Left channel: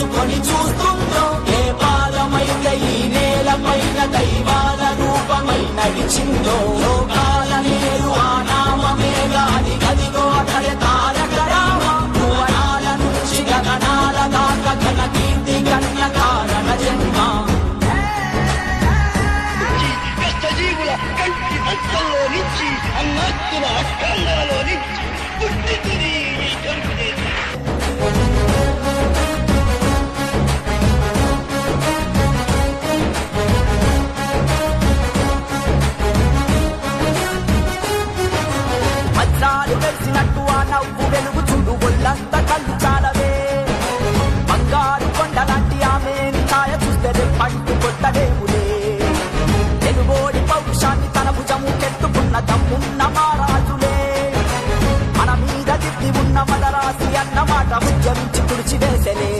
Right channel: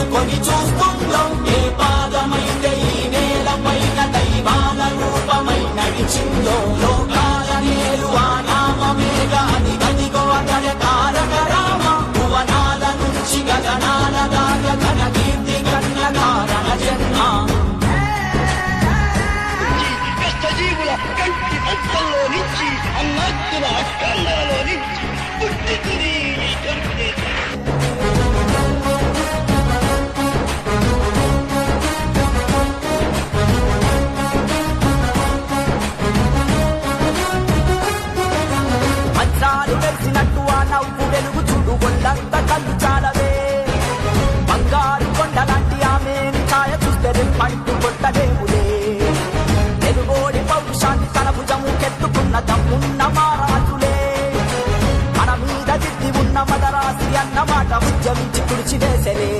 తలుచుకొని చూస్తున్నాం ఏ పాదమైతే ఈ నేల పైన దైవాల రూపమై నడిచిందో లోకాల నేరు ఆ నామమేగా అది గదిగో అతడే తారక రామ భువనాల నుంచి గగనాల దాకా ఘన కీర్తి గణ్య కారణ జన్మ కష్టజీవుల కంటి భక్తుల్లో నుంచి అన్నాత్తుల అక్కందరలో నుంచి పుట్టింది ఈ కరుణే. వజ్రాలు వెలిసినట్టు ఆ నవ్వు వెలుగు చూడు ఒళ్ళంత కళ్ళు చాలవే బంగారు కొండలాంటి ఆమెని ఛాయ చూస్తే రెప్పంటూ కొట్టలేములే తెలుగోడి పౌరుషాన్ని తన భుజము కెత్తుకున్న దమ్మున్న మారాజులే మన మీద దిద్ది ఉన్న మదరాసి అన్నమాట ఉద్యమించి తుడిచివేసలే.